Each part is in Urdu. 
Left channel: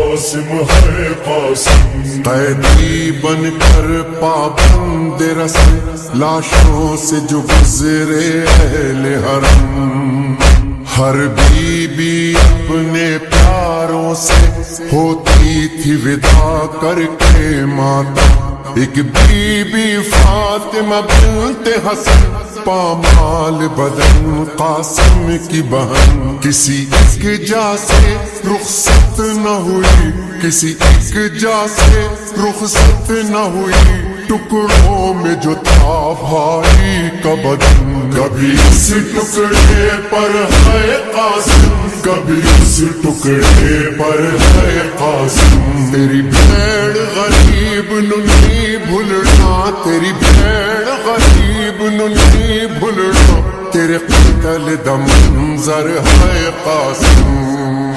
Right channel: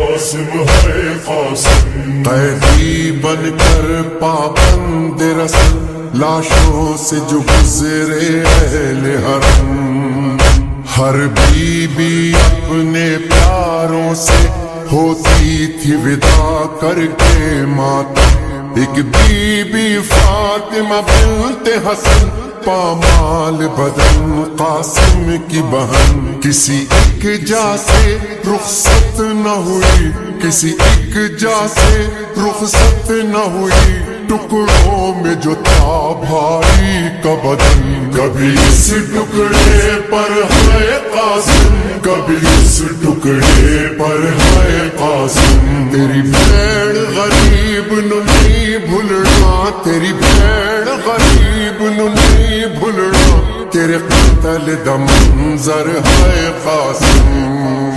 قاسم ہے قاسم، قیدی بن کر پابند رسل لاشوں سے جو گزرے اہل حرم، ہر بی بی اپنے پیاروں سے ہوتی تھی ودا کر کے ماتم، ایک بی بی فاطمہ بنت حسن پامال بدن قاسم کی بہن، کسی ایک جا سے رخصت نہ ہوئی، کسی ایک جا سے رخصت نہ ہوئی، ٹکڑوں میں جو تھا بھائی کا بدن، کبھی اس ٹکڑے پر ہے قاسم، کبھی اس ٹکڑے پر ہے قاسم، تیری بھیڑ غریب نو نہیں بھولنا، تیری بھیڑ غریب نو نہیں بھولنا، تیرے قتل دا منظر ہے قاسم،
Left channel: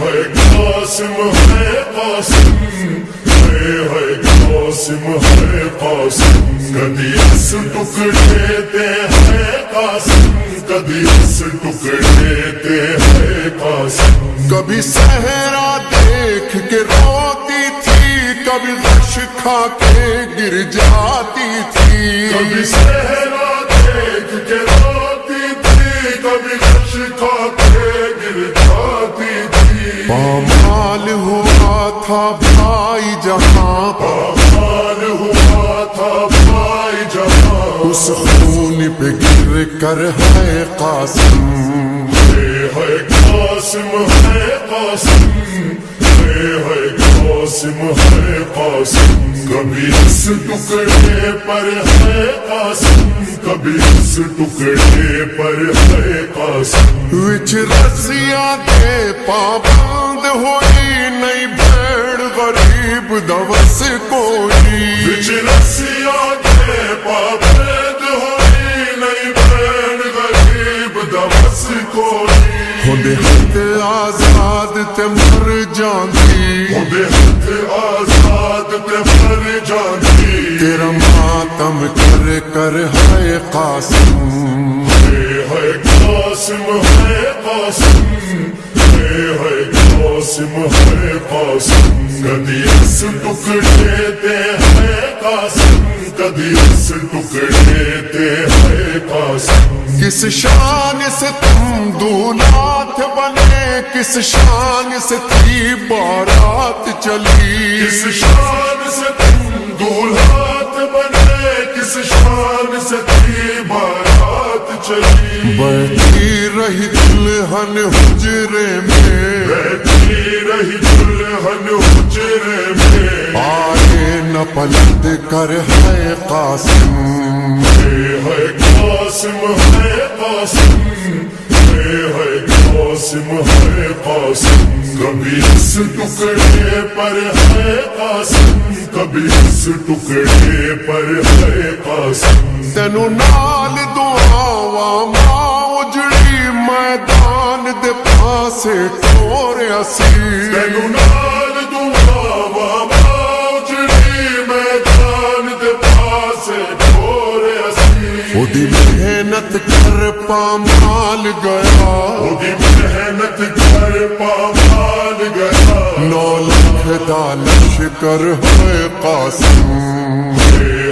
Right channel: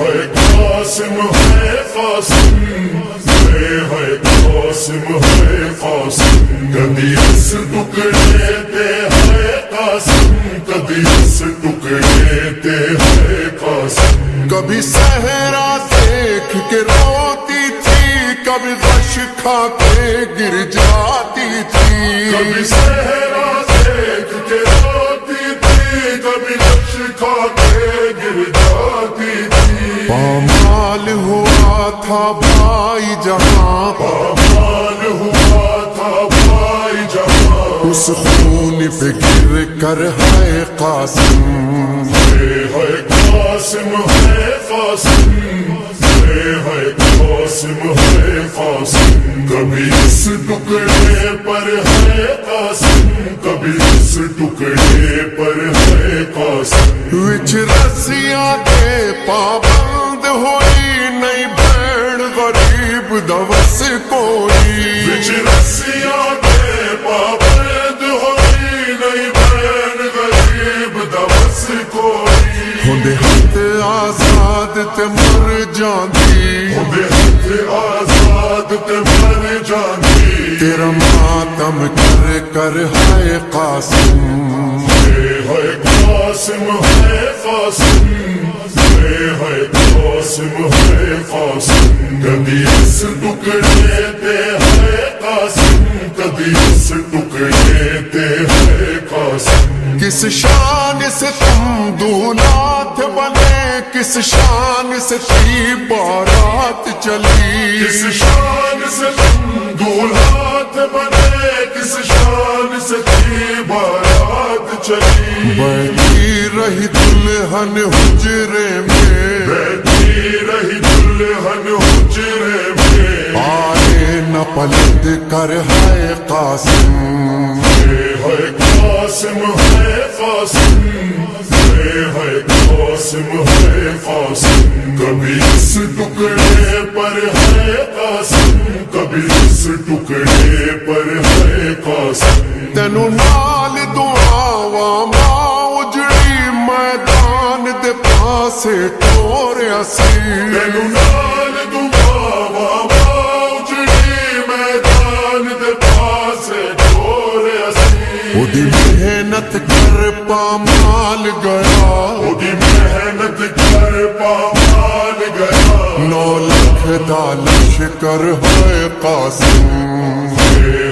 ہے قاسم ہے قاسم، ہے قاسم ہے قاسم، کبھی اس ٹکڑے تے ہے قاسم، کبھی اس ٹکڑے تے ہے قاسم، کبھی صحرا دیکھ کے روتی تھی، کبھی غش کھا کے گر جاتی تھی، کبھی صحرا دیکھ کے روتی تھی، کبھی غش کھا کے گر جاتی تھی، پامال ہوا تھا بھائی جہاں، پامال ہوا تھا بھائی جہاں، اس خون پہ گر کر ہے قاسم، ہے قاسم ہے قاسم، ہے قاسم ہے قاسم، کبھی اس ٹکڑے پر ہے قاسم، کبھی اس ٹکڑے پر ہے قاسم، وچ رسیاں دے پابند ہوئی نہیں بھیڑ غریب دوس کوئی، وچ رسیاں دے پابند ہوئی نہیں بھیڑ غریب دوس کوئی، ہوندے ہاتھ آزاد تے مر جاندی، ہوندے ہاتھ آزاد تے مر جاندی، تیرا ماتم کر کر ہے قاسم، ہے قاسم ہے قاسم، ہے قاسم ہے قاسم، کبھی اس ٹکڑے تے ہے قاسم، کبھی اس ٹکڑے تے ہے قاسم، کس شان سے تم دولات بنے، کس شان سے تھی بارات چلی، کس شان سے تم دولہات بنے، کس شان سے تھی بارات چلی، بیٹھی رہی دلہن حجرے میں، بیٹھی رہی دلہن حجرے میں، آئے نہ پلٹ کر ہے قاسم، ہے قاسم ہے قاسم، ہے قاسم ہے قاسم، کبھی اس ٹکڑے پر ہے قاسم، کبھی اس ٹکڑے پر ہے قاسم، تینو نال دعاواں ماں اجڑی میدان دے پاسے ٹوریا سی، تینو نال دعاواں ماں اجڑی میدان دے پاسے ٹوریا سی، اودی محنت کر پامال گیا، اودی محنت کر پامال گیا، 9 لاکھ دا لشکر ہے قاسم،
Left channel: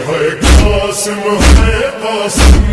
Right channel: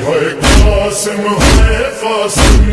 ہے قاسم ہے قاسم،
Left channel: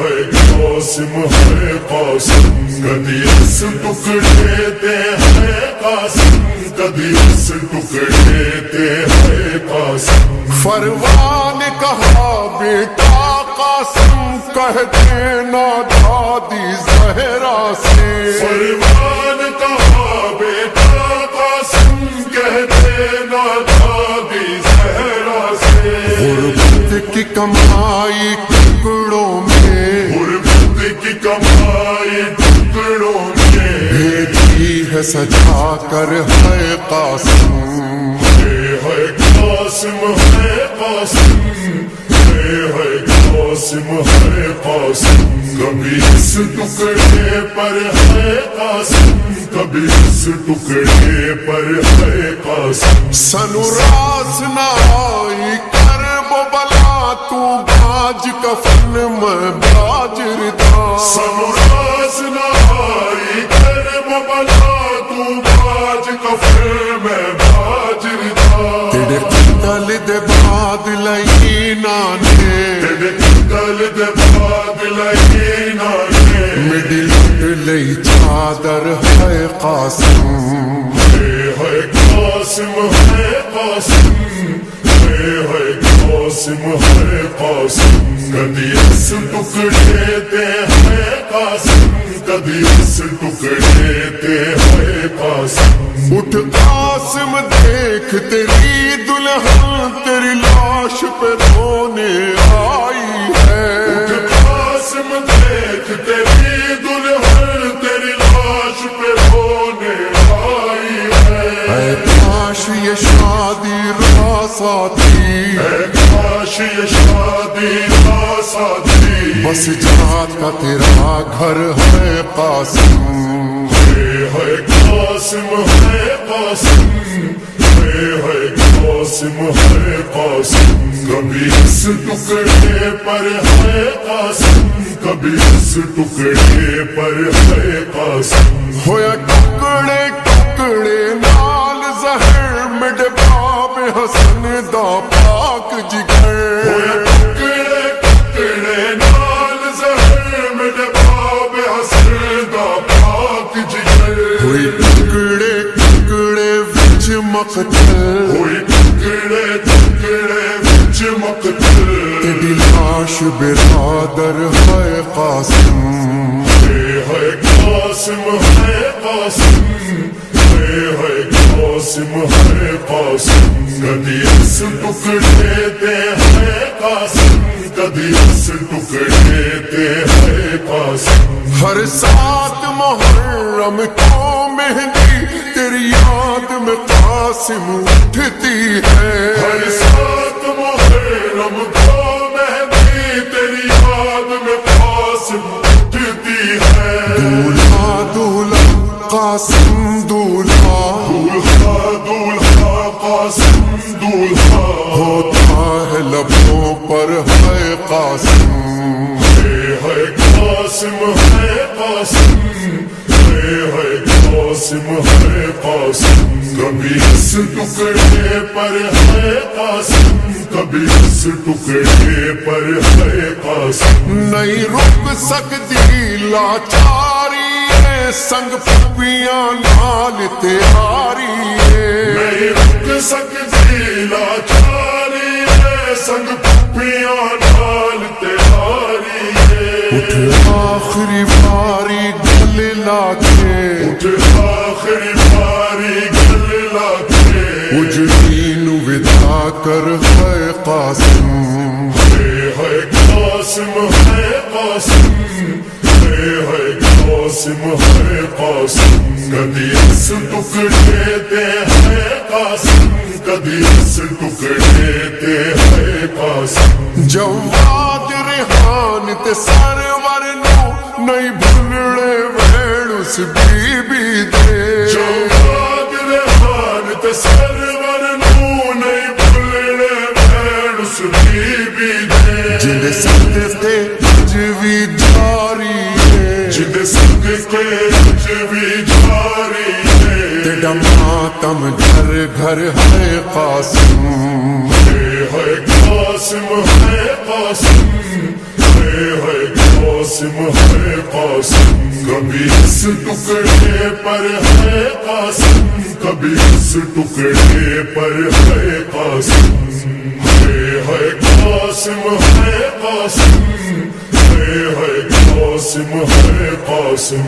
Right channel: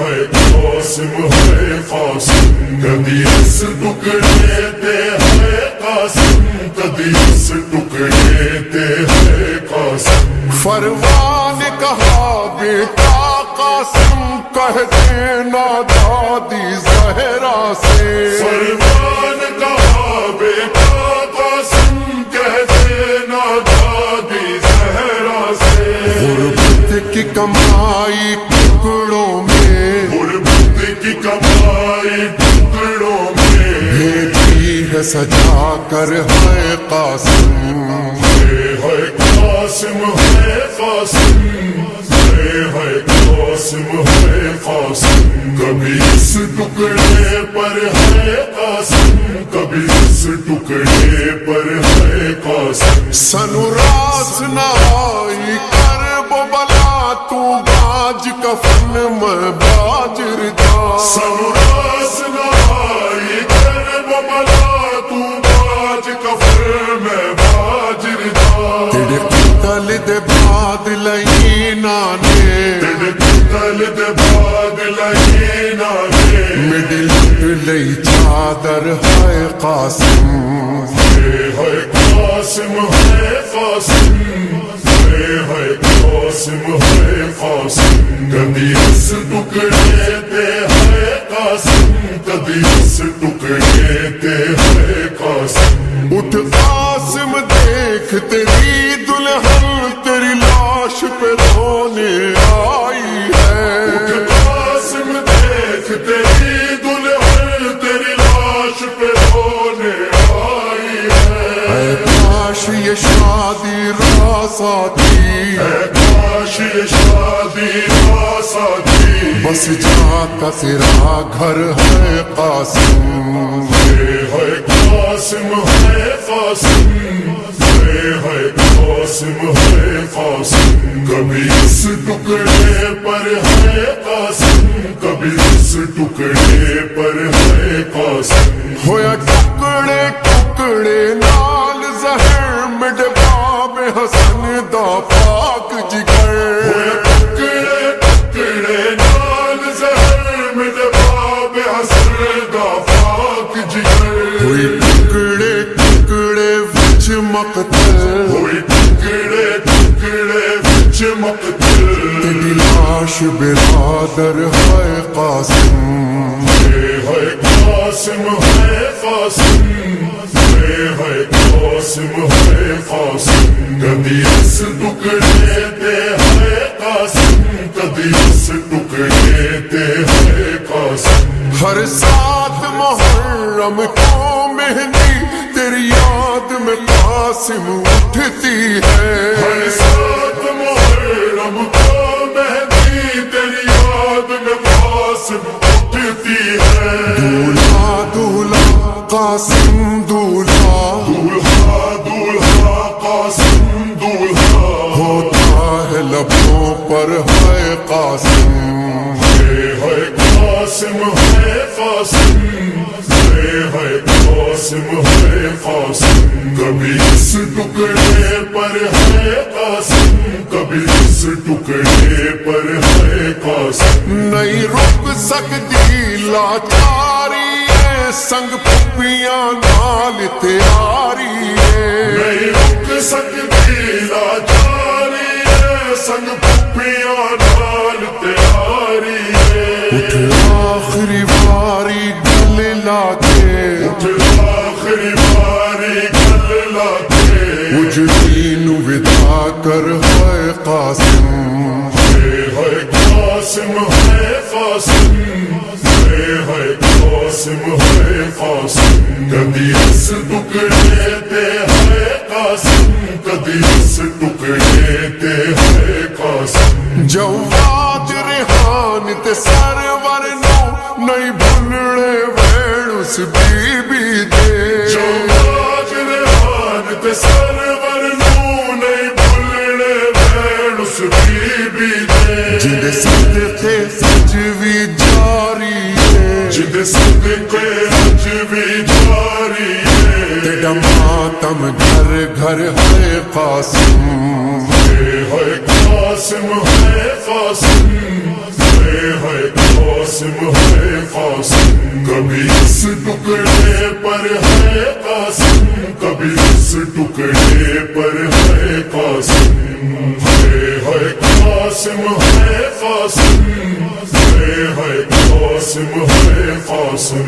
ہے قاسم ہے قاسم، کبھی اس ٹکڑے تے ہے قاسم، کبھی اس ٹکڑے تے ہے قاسم، فروان کہا بیٹا قاسم کہہ دینا دادی زہرا سے، فروان کہا بیٹا قاسم کہہ دینا دادی زہرا سے، غربت کی کمائی ٹکڑوں میں، غربت کی کمائی ٹکڑوں میں، بھیجی ہے سجا کر ہے قاسم، ہے قاسم ہے قاسم، ہے قاسم ہے قاسم، کبھی اس ٹکڑے پر ہے قاسم، کبھی اس ٹکڑے پر ہے قاسم، سنو راس نہ آئی کر وہ بلا تو باج کفن میں باجر دا، سنو راس نہ آئی کر وہ بلا تو باج نفر میں باجر دا تیرے قتل دے بعد لئینا نے تیرے قتل دے بعد لئینا نے میری لٹ لئی چادر ہے قاسم ہے قاسم ہے قاسم ہے قاسم ہے قاسم کدی اس ٹکڑے تے ہے قاسم کدی اس ٹکڑے تے ہے قاسم اٹھ قاسم دیکھ تیری دلہن تیری لاش پہ رونے آئی اٹھ ہے قاسم دیکھ تیری دلہن تیری لاش پہ رونے آئی ہے اے کاش یہ شادی راس آتی اے کاش یہ شادی راس آتی بس جاتا تیرا گھر ہے قاسم ہے قاسم ہے قاسم ہے قاسم ہے قاسم کبھی اس ٹکڑے پر ہے قاسم کبھی اس ٹکڑے پر ہے قاسم ہویا ٹکڑے ٹکڑے نال زہر مڈ باب حسن دا پاک جگر ہویا ٹکڑے ٹکڑے نال زہر میرے باب حسن دا پاک جگر ہوئی ٹکڑے ٹکڑے وچ مقتل ہوئی ٹکڑے ٹکڑے وچ مقتل تیری لاش برادر ہے قاسم ہے قاسم ہے قاسم ہے قاسم ہے قاسم کدی اس ٹکڑے تے ہے قاسم کدی اس ٹکڑے تے ہے قاسم ہر سات محرم کو مہندی تیری یاد میں قاسم اٹھتی ہے ہر سات محرم کو مہندی تیری یاد میں قاسم اٹھتی ہے دولہا دولہا قاسم دولہا دولہا دولہا قاسم دولہا ہوتا ہے لبوں پر ہے قاسم ہے قاسم ہے قاسم ہے قاسم ہے قاسم کبھی اس ٹکڑے پر ہے قاسم کبھی اس ٹکڑے پر ہے قاسم نہیں رک سکتی لاچاری ہے سنگ پھپیاں نال تیاری ہے نہیں رک سکتی لاچاری ہے سنگ پھپیاں نال تیاری ہے اٹھ آخری باری گل لا کے اٹھ آخری باری گل لا کے اجڑی نو ودا کر ہے قاسم ہے قاسم ہے قاسم ہے قاسم ہے قاسم کدی اس ٹکڑے تے ہے قاسم کدی اس ٹکڑے تے ہے قاسم جواد ریحان تے سرور نو نہیں بھولنے وین اس بی بی دے جواد ریحان تے سرور نو نہیں بھولنے وین اس بی بی دے جن صدقے اج بھی جاری ہے جن صدقے اج بھی جاری ہے تیرا ماتم گھر گھر ہے قاسم ہے قاسم ہے قاسم ہے قاسم ہے قاسم کبھی اس ٹکڑے پر ہے قاسم کبھی اس ٹکڑے پر ہے قاسم ہے قاسم ہے قاسم ہے قاسم ہے قاسم